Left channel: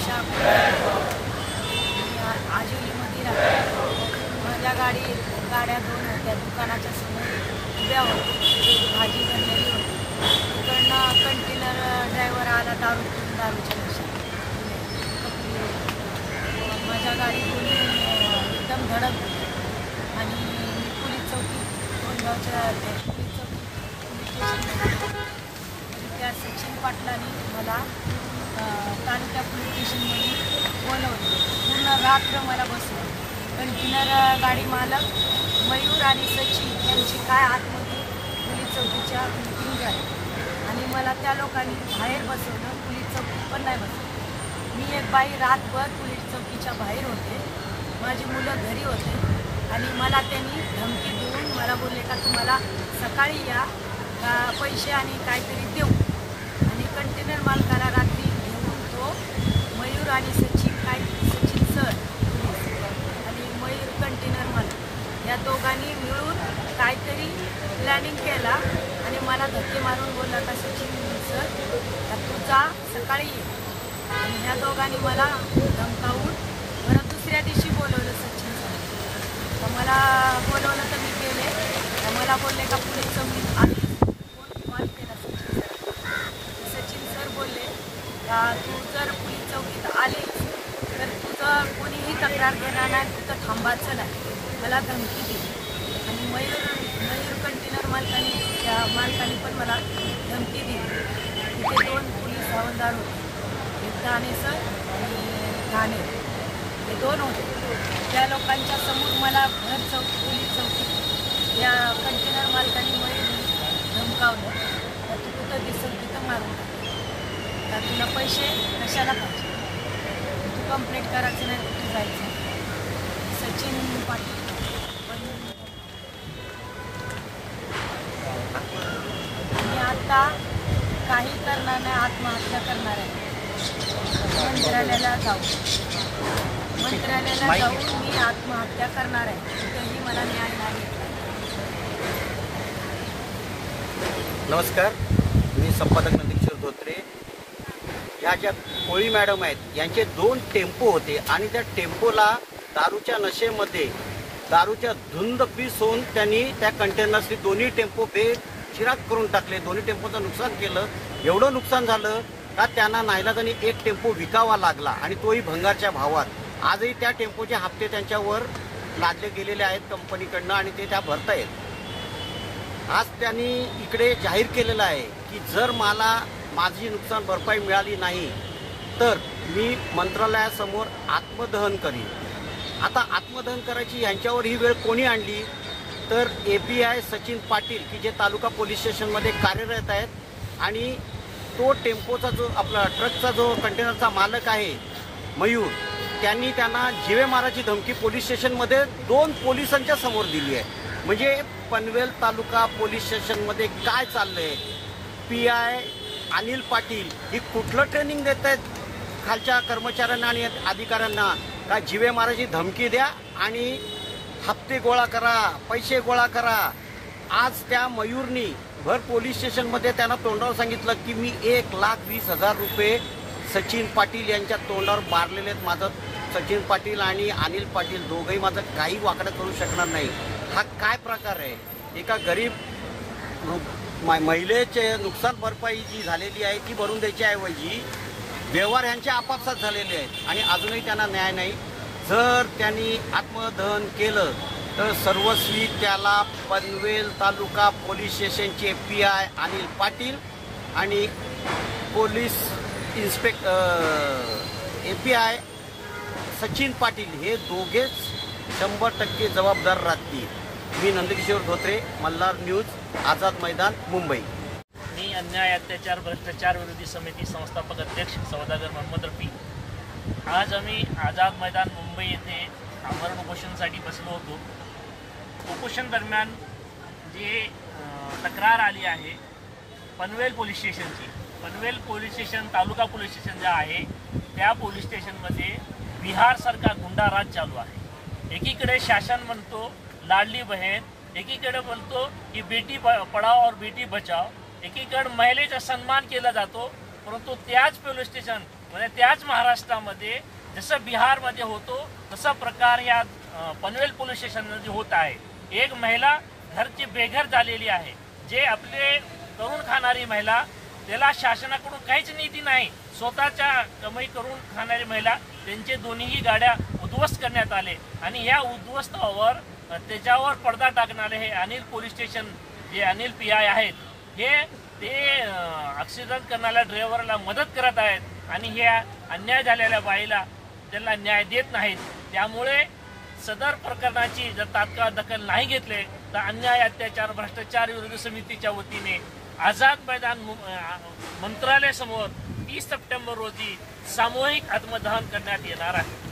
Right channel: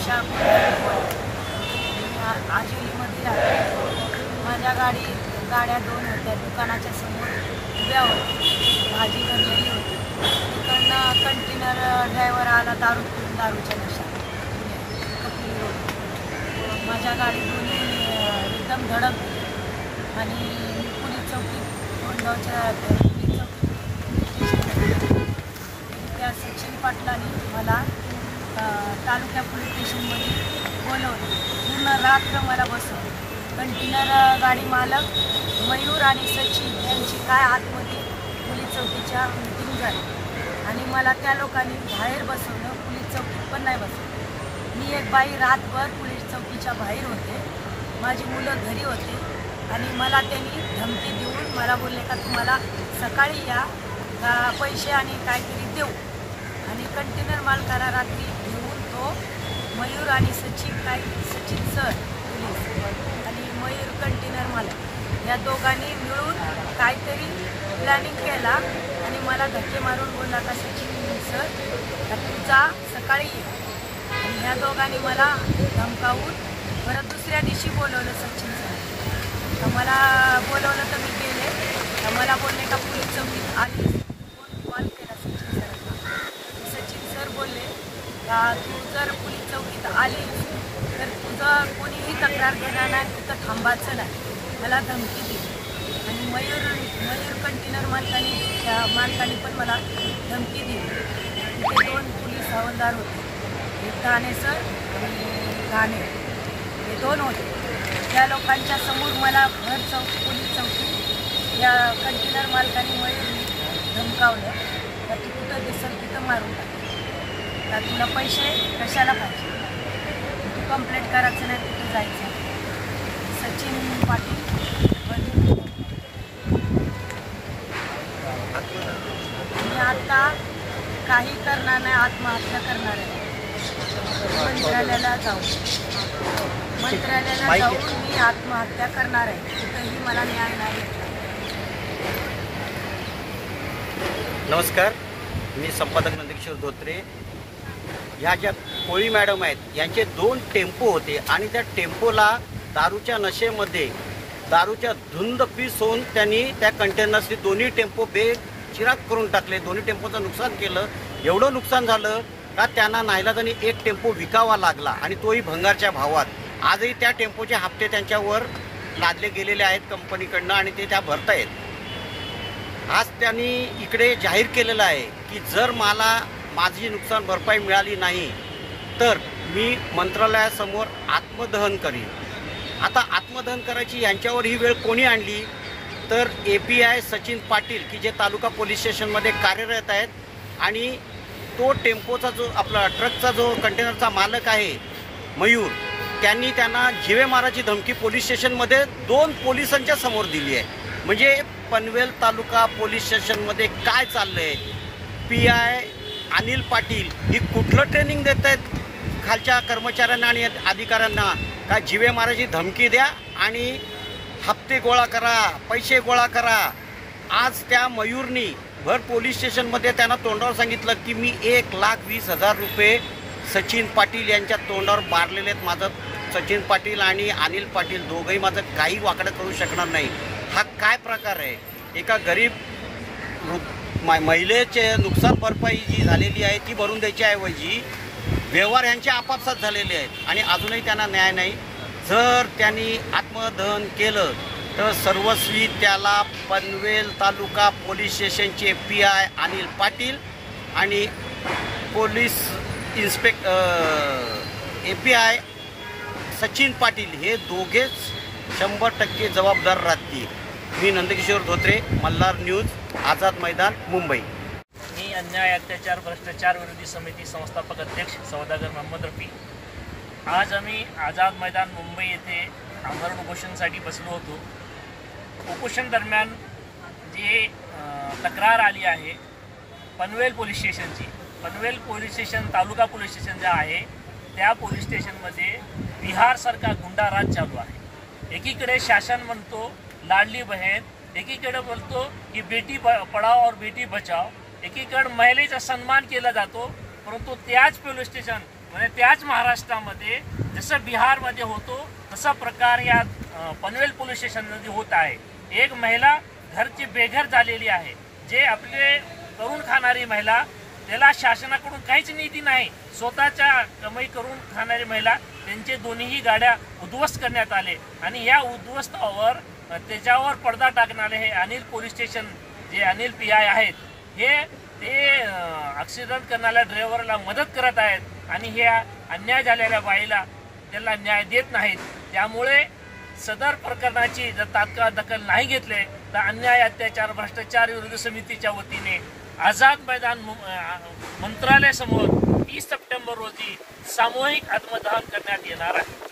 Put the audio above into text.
उषा मी आजिवलीमध्ये राहते। माझ्या गाड्या दोन होत्या, दुकानाच्या समोर उभ्या होत्या, भाजी भरलेली होती। तिकडनं कंटेनर ड्रायव्हर आला दारू पिऊन, दारूच्या नशा कपली रोड। माझ्या गाडी दोन्ही एकदम धडकली आणि मी पोलीस चौकीत कोंडावच्या पोलीस चौकीत त्या सचिन पाटलांनी मला तालुका पोलीस स्टेशनमध्ये बोलवलं। पूर्ण रात्र मला बसवलं। कंटेनर गाडी मालक मयूर आणि सचिन यांची काय आतमध्ये पोलीस चौकीच्या मीटिंग झाली आणि मला त्या लोकांनी बाहेर बसवलं, पोलीस चौकीत पण नाही बसवलं। मी एक बाई रातभर पोलीस चौकीच्या बाहेर होते, माझी मुलं घरी होते आणि मला त्यांनी धमकी देऊन मला बोलले का तुम्हाला सकाळी या पैसे आणि काहीतरी देऊ। आणि कंटेनर मालकाला रात्री घेऊन तो मयूर आणि सचिन सर पोलीस आणि मयूर कंटेनर मालक या दोघांनी मिळून काहीतरी प्लॅनिंग केला आणि मला धक्के मारून बोलला का सचिन सर तर तुझा सकाळी ये। आणि ह्या दोघांनी मला धमकावून परत दुसऱ्या दिवशी बोलवलं सचिन सर। तर मला बोलवलं तर मी गेले, तर मला बोलले का पोलीस चौकीत आली, कोण कॉल केला सचिन सरांना। सचिन सर बोलले का तू जर पोलीस चौकीत आलीस तर तुझं कोणीही तक्रार देणार नाही, तिथं थांबायचं नाही। मला धमकी दिली आणि मयूर कंटेनर मालकाने पण मला धमकी दिली। तिथे दोन पोलीस हवालदार होते, एक ठाणे सर आणि ठाणे हे दोन होते। त्या लोकांच्या समोर मला पोलीस चौकीत या कंटेनर मालकाने मयूरने धमकावलं तर तू कुठं दिसेल तिथं मारून टाक, तर तुला पैसे कशाला पाहिजे, तू कंप्लेंट करायचं नाही, कुठे जायचं। सचिन पाटील मी आता काही करणार नाही, आत्महत्या करणार आहे। मंत्रालयाला जाऊन मी आत्महत्या करणार आहे, कुठेही मला न्याय नाही भेटला। नमस्कार, मी संपादक नंदकिशोर धोत्रे। ह्या ज्या कोळी मॅडम आहेत यांचे 2 टेम्पो होते आणि त्या टेम्पोला दारूच्या नशेमध्ये दारूच्या धुंद पीस होऊन त्यांनी त्या कंटेनर्सचे दोन्ही टेम्पो बेचिराग करून टाकले। दोन्ही टेम्पोचं नुकसान केलं। एवढं नुकसान झालं का त्यांना नाईलाजाने एक टेम्पो विकावा लागला आणि तोही भंगारच्या भावात। आजही त्या टेम्पोचे हप्ते त्यांच्यावर लादले गेलेले आहेत कंपनीकडनं आणि ते त्या भरतायत। आज त्यांनी इकडे जाहीर केलेलं आहे की जर मला माझी नुकसान भरपाई मिळाली नाही तर मी मंत्रालयासमोर आत्मदहन करीन। आता आत्मदहन करायची यांच्यावर ही वेळ कोणी आणली तर API सचिन पाटील की जे तालुका पोलीस स्टेशनमध्ये कार्यरत आहेत आणि तो टेम्पोचा जो आपला ट्रकचा जो कंटेनरचा मालक आहे मयूर, त्यांनी त्यांना जीवे माराची धमकी पोलीस स्टेशनमध्ये 2 पोलिसांच्या समोर दिली आहे। म्हणजे पनवेल तालुका पोलीस स्टेशनमध्ये काय चाललंय, PI अनिल पाटील ही कुठलं ट्रेनिंग देत आहेत खालच्या कर्मचाऱ्यांना आणि अधिकाऱ्यांना का जीवे माराची धमकी द्या आणि हप्ते गोळा करा, पैसे गोळा करा। आज त्या मयूरनी भर पोलीस स्टेशनमध्ये त्यांना तोंडावर सांगितलं की मी 1,20,000 रुपये सचिन पाटील यांच्या तोंडावर मारलेले आहेत। माझं सचिन पाटील आणि अनिल पाटील दोघंही माझं काही वाकडं करू शकणार नाही। हा काय प्रकार आहे? एका गरीब महिलेचे नुकसान भरपाई जी झालेली आहे ती भरून द्यायची ऐवजी व्यवहार यांचे आपापसात झालेले आहेत आणि अजूनही त्यांना न्याय नाही। जर त्यांनी आत्मदहन केलं तर सर्वस्वी त्याला पनवेल तालुका पोलीस स्टेशनचे PI अनिल पाटील आणि पोलीस API सचिन पाटील हे दोघेच 100% जबाबदार राहतील। मी नंदकिशोर धोत्रे, मल्हार न्यूज, आझाद मैदान, मुंबई। मी अन्याय अत्याचार भ्रष्टाचार विरोधी समिती संस्थापक अध्यक्ष सौदागर मोहम्मद रफी। आज आम्ही आझाद मैदान मुंबई येथे आमरण उपोषणासाठी बसलो होतो। उपोषण दरम्यान जी तक्रार आली आहे Panvel police स्टेशनची, Panvel police station तालुका पोलीस स्टेशन जे आहे त्या पोलीस स्टेशनमध्ये बिहारसारखा गुंडाराज चालू आहे। एकीकडे शासन म्हणतो लाडली बहीण, एकीकडे बोलतो की बेटी पढाओ और बेटी बचाओ, एकीकडे महिलेचा सन्मान केला जातो, परंतु त्याच पोलीस स्टेशन म्हणजे त्याच महाराष्ट्रामध्ये जसं बिहारमध्ये होतो तसा प्रकार या पनवेल पोलीस स्टेशनमध्ये होत आहे. एक महिला घरची बेघर झालेली आहे, जे आपले करून खाणारी महिला, त्याला शासनाकडून काहीच नीती नाही. स्वतःच्या कमाई करून खाणारी महिला, त्यांचे दोन्हीही गाड्या उद्ध्वस्त करण्यात आले आणि या उद्ध्वस्तावर त्याच्यावर पडदा टाकणारे हे अनिल पोलीस स्टेशन, जे अनिल PI आहेत, हे ते ॲक्सिडेंट करणाऱ्या ड्रायव्हरला मदत करत आहेत आणि ह्या अन्याय झालेल्या बाईला त्याला न्याय देत नाहीत. त्यामुळे सदर प्रकरणाची जर तात्काळ दखल नाही घेतले तर अन्याय, अत्याचार, भ्रष्टाचार विरोधी समितीच्या वतीने आझाद मैदान मंत्रालयासमोर 30 सप्टेंबर रोजी सामूहिक आत्मदहन करण्यात येणार आहे.